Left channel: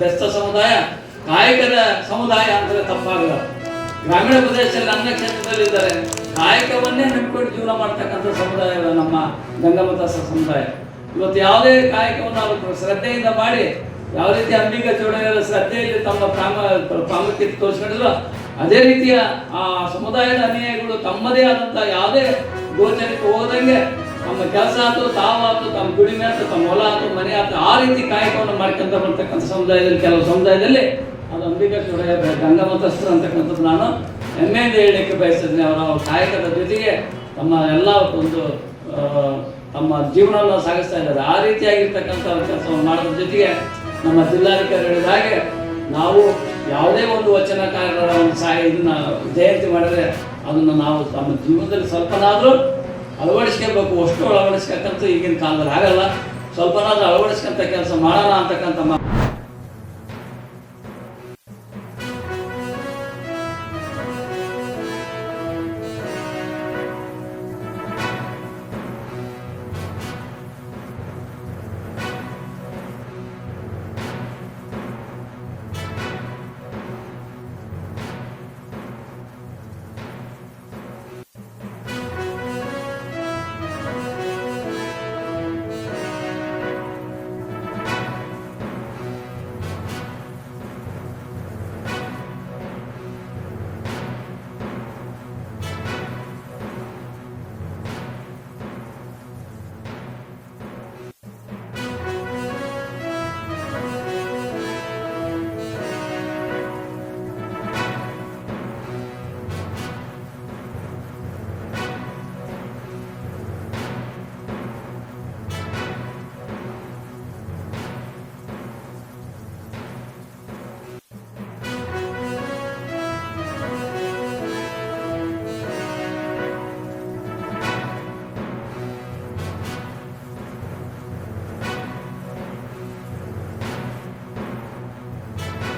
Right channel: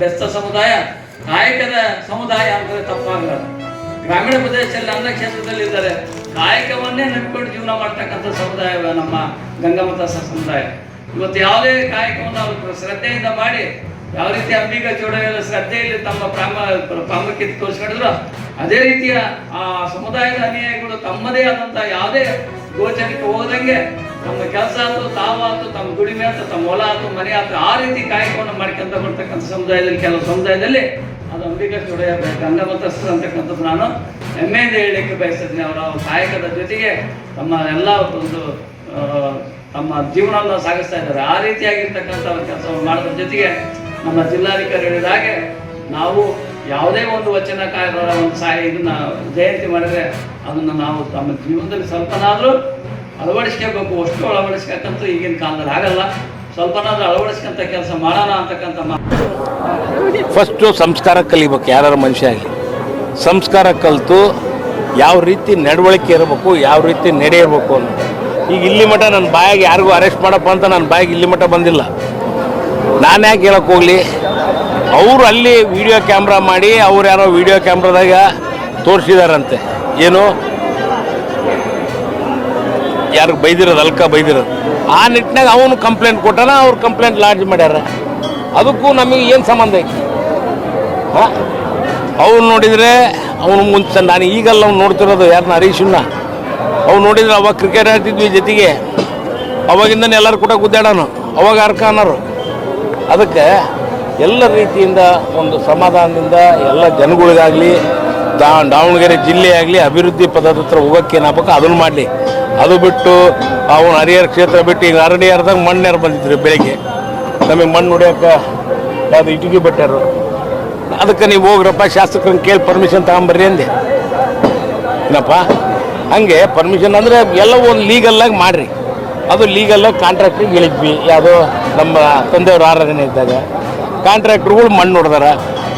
ಬೆಸ್ತ ಸಮುದಾಯ ಕಾಯಕದ ಸಮುದಾಯ ಅಂದರೆ ತಪ್ಪಾಗಲ್ಲ. ಗ್ರಾಮೀಣ ಪ್ರದೇಶದಲ್ಲಿ ಅನ್ನ ಕ್ಷೇತ್ರದಲ್ಲಿ ಇದ್ದಾರೆ, ಕಾಯಕವನ್ನೇ ನಂಬಿಕೊಂಡು ಜೀವನ ಮಾಡ್ತಕ್ಕಂಥ ಸಮುದಾಯ ನಮ್ಮ ಗಂಗಾಮತ ಸಮುದಾಯ. ಇವತ್ತು ಯಾವುದೇ ಕಾಯಕವನ್ನು ಅವರು ಶ್ರದ್ಧೆಯಿಂದ ಮಾಡಿ ಯಾವ ರೀತಿ ಅಂಬಿಗ ಚೌಡಯ್ಯರ ಶ್ರದ್ಧೆಯಲ್ಲಿ ತಮ್ಮ ಪ್ರಾಮುಖ್ಯತೆ ತೋರಿಸ್ಕೊಂಡಿದ್ರು, ಅದೇ ರೀತಿಯ ಆ ಸಮುದಾಯದ ಅನುಯಾಯಿಗಳು ತಮ್ಮದೇ ಆದಂಥ ಯಾವುದೇ ಗೋಚರಕ್ಕೆ ಹೋದಂಗೆ ತಮ್ಮ ಕೆಲಸ ಆಯ್ತು, ತಾವಾಯ್ತು, ತಮ್ಮ ದುಡಿಮೆ ಆಯ್ತು, ತಮ್ಮ ಹೊಲ ಆಯ್ತು, ಮನೆ ಆಯ್ತು, ಆ ರೀತಿ ಕಾಯಕವನ್ನು ಮಾಡ್ಕೊಂತ ಬರ್ತಕ್ಕಂಥ ಸಮುದಾಯದಲ್ಲಿ ಕೆಲವು ಸಮುದಾಯದಲ್ಲಿ ಅದು ಅಂಬಿಗ ಚೌಡಯ್ಯ ಗಂಗಾಮತಸ್ಥರು ಅಂತಕ್ಕಂಥದ್ದು ನಾನು ಹೆಮ್ಮೆಯಿಂದ ಹೇಳಲಿಕ್ಕೆ ಬಯಸ್ತಿದ್ದೀನಿ. ಅವರ ಕಾಯಕದ ಜೊತೆಗೆ ತಮ್ಮ ಎಲ್ಲ ಒಂದು ತಮ್ಮ ಜೀವನವನ್ನು ಸಾಗಿಸ್ತಾ ಇದ್ದಾರೆ. ಆ ರೀತಿಯಾಗಿರ್ತಕ್ಕಂಥ ಕೆಲಸವನ್ನು ಮಾಡೋದ್ರ ಜೊತೆಗೆ ನಮ್ಮ ಜಿಲ್ಲಾಧಿಕಾರಿ ಹೇಳಿದ ಹಾಗೆ ನಾವು ಯಾವುದೇ ಒಂದು ವಚನಕಾರರ ಒಂದು ಇದನ್ನ ಜಯಂತಿ ಮಾಡಿದರೆ ಅದನ್ನು ನಾವು ತಮ್ಮ ಜೀವನದಲ್ಲಿ ಸ್ವಲ್ಪನಾದರೂ ಅಳವಡಿಸ್ಕೋಬೇಕು. ಅಷ್ಟು ಅಳವಡಿಸ್ಬೇಕಂತೂ ಈಗಿನ ಕಾಲದಲ್ಲಿ ಆಗಲ್ಲ, ಸ್ವಲ್ಪನಾದ್ರೂ ಅಳವಡಿಸ್ಕೊಂತ ಕೆಲಸ ಮಾಡೋಣ ಅಂತಕ್ಕಂಥ ಫಸ್ಟು ಸಂಸ್ಕಾರ ಕಲಿಬೇಕು. ಯಾರು ಮನುಷ್ಯ ಆಗಲಿ ಸಂಸ್ಕಾರ ಕಲಿತು ಯಾವ ರೀತಿ ನಡವಳಿಕೆ ಇರಬೇಕು, ಯಾವ ರೀತಿ ನಡೆ ಇರಬೇಕು ಅಂತ. ಈಗ ಇಲ್ಲಿ ಮಟ್ಟ ನನ್ನ ಬಾಯಿಗೆ ಯಾರಿಗೂ ಅರೆಸ್ಟ್ ಮಾಡಪ್ಪ ಅಂತ ನನ್ನ ಬಾಯಿಗೆ ಇಲ್ಲಿ ಮಟ್ಟ ಬಂದಿಲ್ಲ. ನಾನು ಯಾಕೆ ಹೇಳಕ್ಕೆ ಹೋಗಲಿ? ಅವರು ಅಲ್ಲಿ ವಿಡಿಯೋ ಕ್ಯಾಮ್ರಾ ಮಾಡಿ ಅವ್ರು ಯಾರೋ ವಿಡಿಯೋ ಕ್ಯಾಮ್ರಾದಾಗ ತೋರಿಸಿದಾರಂತೆ, ಏನು ಯಾರಿಗೆ ಬೈದಿರೋದು, ಅಲ್ಕ ಬೈದಿರೋದು. ಆ ನಿಟ್ಟಿನಾಗ ಅವನು ಕಂಪ್ಲೇಂಟ್ ಕೊಟ್ಟಾನ, ಅವ್ರು ಕಂಪ್ಲೇಂಟ್ ಲಾಡ್ಜ್ ಮಾಡ್ಯಾರ. ಅದಕ್ಕೂ ನಮಗೆ ಏನು ಸಂಬಂಧ ಐತಿ? ಹಾಂ, ಅವ್ನು ನೋಡಿದರೆ ಅವನು ಮುಂಚೆ ನಾನು ಈಗಲ್ಲ ಅವ್ನು ನೋಡ್ತಿರೋದು ಯಾರನ್ನ ಹರೀಶನ್ನ. ಅವ್ನು ನೋಡಿದ್ರೆ ಅವಾಗ ಕ್ರಿಕೆಟ್ ಆಡ್ತಿದ್ವಿ ಜೊತೆಗೆ, ಅವಾಗಿಂದನೇ ಎಲ್ಲರೂ ಕೂಡ ಗುದ್ದಾಡೋನು, ಅವಾಗ ಅರ್ಕ ಅನ್ನೋರು. ಅದಕ್ಕೆ ಎಲ್ಲ ರೀತಿಯಿಂದ ಒಂದು ಸಮಾಧಾನದಿಂದ ಎಲ್ಲ ಜನಗಳಿಗಾಗಲಿ ದಾವಣಗೆರೆ ಜಿಲ್ಲೆ ಆಗಲಿ ಅಭಿವೃದ್ಧಿ ಪದದ ಹತ್ರ ಹೋಗೋಕ್ಕೆ ಏನಾಗಬೇಕು ಅದನ್ನು ಮಾಡಲಿ. ಅದು ಬಿಟ್ಟು ಅವನು ಹರಿಹರ ಕ್ಷೇತ್ರ ಬಿಟ್ಟು ಈಗ ಹರಡಿಯಾರ್ದಾಗ ಮಣ್ಣಾರು ಬಂದಿದ್ರು ಬೆಳಿಗ್ಗೆ, ನಮಗೆ ಮಣ್ಣು ಹೊಡಿಯೋಕೆ ಯಾವುದು ಇಟಿಗೆ ಬಿಟ್ಟಾರು. ಅದಕ್ಕೆ ನೀವು ಹೋಗ್ರಪ್ಪ ಶಾಸಕರನ್ನ ಕೇಳಿ ಪರ್ಮಿಷನ್ ತಗೊಂಬರ್ರಿ ಅಂದೆ. ಏನಪ್ಪ ಹಂಗೆ ಪರ್ಮಿಷನ್ ಅಂದರೆ ಎಲ್ಲ ಒಂದು ಲೀಗಲ್ಲಾಗಿ ಮಾಡಿರಿ. ಅದು ಲೀಗಲ್ಲಾಗಿ ಕಾಂಟ್ರಾಕ್ಟ್ರಿಗೆ ಹೇಳಿದ್ವಿ. ಯಾವುದೋ ನಮ್ಮ ತಂದೆಯವ್ರ ಆರಾಧನೆ ಇದ್ದಾಗ ಕಾಂಟ್ರಾಕ್ಟ್ರುಗಳು ಮಣ್ಣು ಹೊಡೆದಾರ,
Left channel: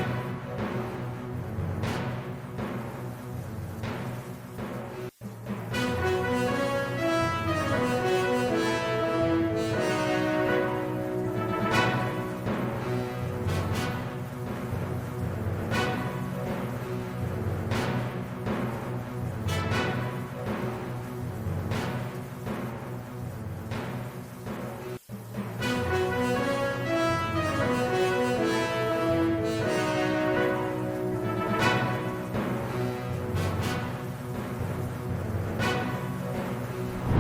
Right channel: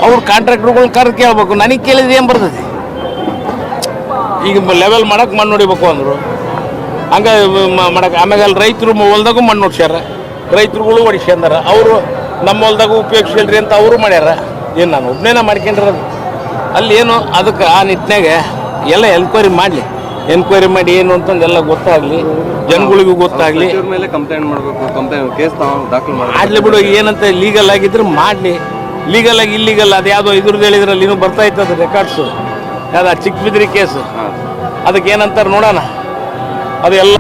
ಅವ್ರು ಕಾಂಟ್ರಾಕ್ಟ್ರುಗಳ್ನ ಕರೆದು ಕೇಳಬೇಕು. ನನಗೆ ಕೇಳಿದ್ರೆ ಏನು ಬರ್ತದೆ? ಈಗ ಲೆವೆಲ್ ಮಾಡೋಕೆ ಮಣ್ಣು ಹೊಡಿಬೇಕು ಅಂದರು, ಹಂಗೆ ಮಾಡಕ್ಕೆ. ಆಮೇಲೆ ಅಲ್ಲಿ ರೈತರು ಹೊಲ್ದಾಗೂ ಮಣ್ಣು ಹೊಡ್ಸ್ಯಾರ, ರೈತರುಗಳು ಹೊಡಿಸ್ಕೊಂಡಾರ. ಅವರು ನಮ್ಮ ಹೊಲ್ದಾಗೂ ಉಪಯೋಗಿಸ್ಕೊಳ್ರಿ ಅಂತ ಅವರು ಮಾಡ್ಯಾರ. ಏನು ನಾನು ಒಬ್ಬನೇನ ಮಾಡ್ಕೊಂಡಿರೋದು ಅಲ್ಲಿ ಏನು? ಅದಕ್ಕೆ ಆ ನಿಟ್ಟಿನಾಗ ಎಲ್ಲ ಎನ್ಕ್ವೈರಿ ಮಾಡಲಿ. ಎನ್ಕ್ವೈರಿ ಮಾಡಿ ಏನು ಅಂತಂದೆಲ್ಲ ಗೊತ್ತಾಗಲಿ, ಜನಗಳಿಗೂ ಗೊತ್ತಾಗಲಿ. ಕಂಪ್ಲೇಂಟ್ ಮಾಡಬೇಕು, ಕೇಸ್ ದಾಖಲು ಮಾಡಲಿ ಬಿಡು. ಏನಂತ ಲೀಗಲ್ ಆಗಿದ್ರೆ ಮಾಡಲಿ. ಲೀಗಲ್ ಆಗಿ ಇಲ್ಲಿಗಲ್ ಅದು ಯಾವುದೋ ಇದ್ರದ್ದು ಹೇಳಿದ್ರಲ್ಲಿ ಇನ್ನೂ ಬರ್ತಾ ಇತ್ತು ರೆಕಾರ್ಡ್ಸು, ಯಾವ್ದು ಚಿಕ್ಕಬಿದ್ರಿ ಕೇಸು. ಅದಕ್ಕೆ ಏನಂತಾರೆ ನೋಡೋಣ. ಅದು ಎಲ್ಲ